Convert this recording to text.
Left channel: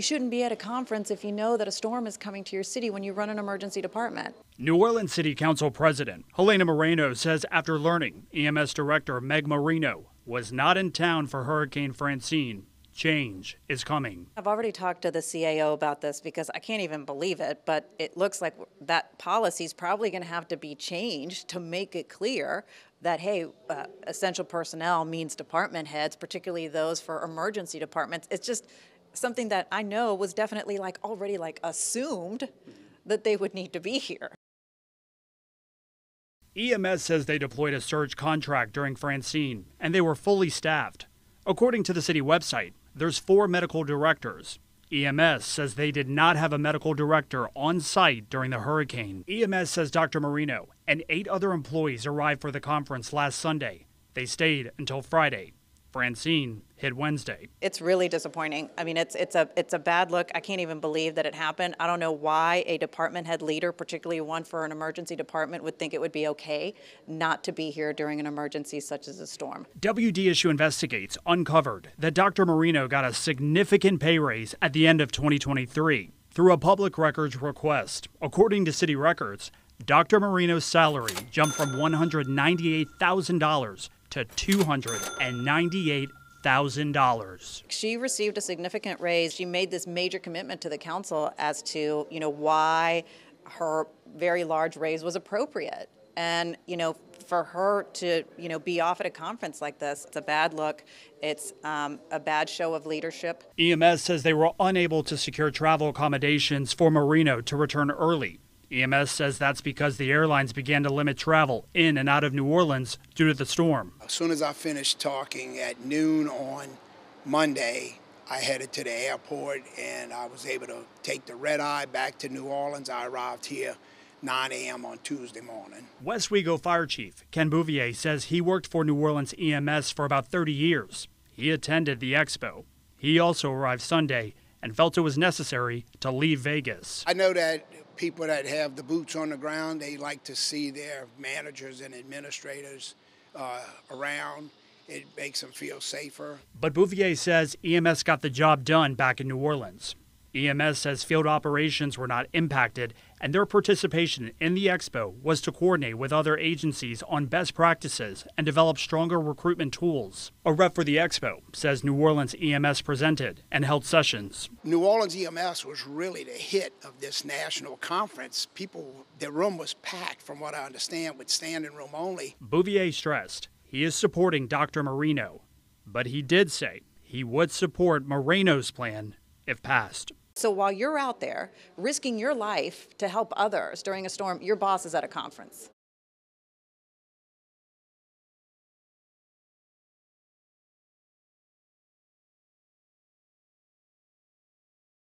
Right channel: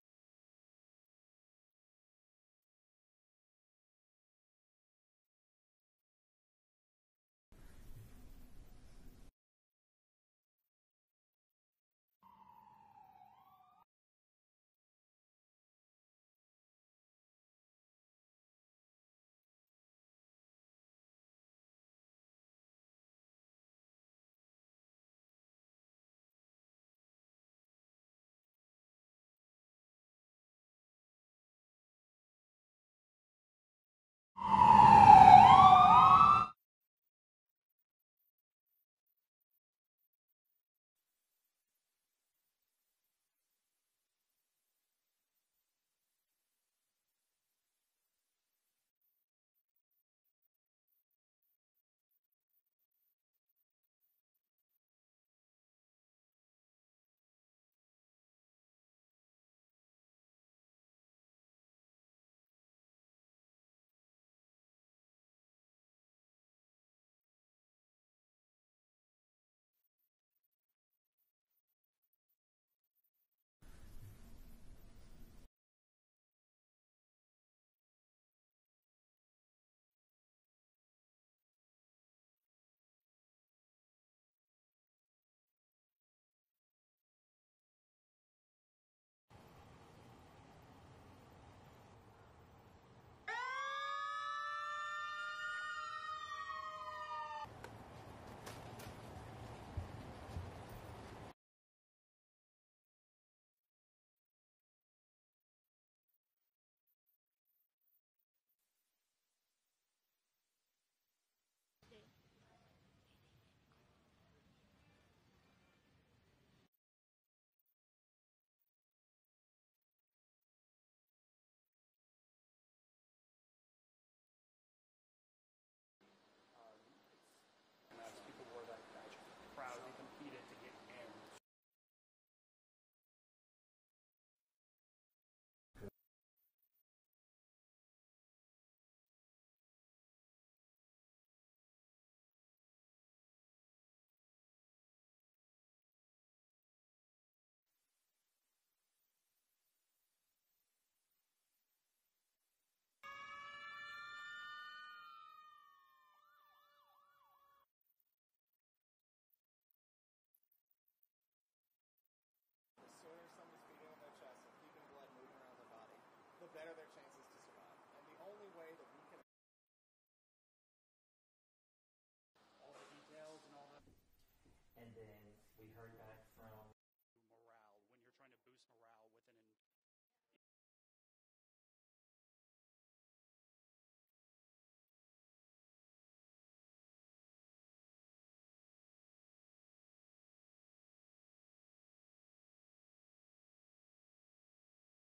You shouldn't be at a conference if you know that a storm is coming to your city when you run an emergency department. New Orleans City Council President Helena Moreno says after learning EMS Director Meg Marino was not in town for Hurricane Francine, change is coming. I've already talked to the CAO about this because I can't even believe it, but it looks like that policy is probably going to have to be changed to make it clear that, hey, essential personnel means department heads, particularly those for emergency departments. It's just something that I know was definitely already assumed that they would need to be here. EMS says they deployed a surge contract during Francine, and they were fully staffed. According to the city website, there's 4 medical directors. EMS says they did not have a medical director on site during the hurricane. EMS says Dr. Marino and 8 other employees arrived for the conference last Sunday. They stayed until Friday. Francine hit Wednesday. It's really disappointing. I mean, it's a bad look. I can't even believe that it happened. I don't know why a department head leader, particularly one for an emergency department, would think it would be okay not to be here during an emergency such as a storm. WDSU Investigates uncovered that Dr. Marino got a significant pay raise at the end of 2023 through a public records request. According to city records, Dr. Marino's salary jumped from $198,000 to $298,000. She received a significant raise. She made this major commitment to the council as to, why her very large raise was appropriate. And, for her to, be off at a conference like this, it's a bad look. It's a bad show of leadership. EMS says they were unable to secure travel accommodations for Marino to return early. EMS says that's because the airlines began to limit travel in and out of New Orleans due to the storm. As soon as I finished talking at noon on Monday, I headed to the airport and I was able to take the red eye back to New Orleans. I arrived here 9 a.m. on Tuesday morning. West Wego Fire Chief Ken Bouvier says he worked for New Orleans EMS for about 30 years. He attended the expo. He also arrived Sunday and felt it was necessary to leave Vegas. I know that people that have the boots on the ground, they like to see their managers and administrators around. It makes them feel safer. But Bouvier says EMS got the job done back in New Orleans. EMS says field operations were not impacted, and their participation in the expo was to coordinate with other agencies on best practices and develop stronger recruitment tools. A rep for the expo says New Orleans EMS presented and held sessions. New Orleans EMS was really the hit of this national conference. The room was packed, from what I understand, with standing room only. Bouvier stressed he is supporting Dr. Marino, but he did say he would support Moreno's plan if passed. So while you're out there risking your life to help others during a storm, your boss is at a conference.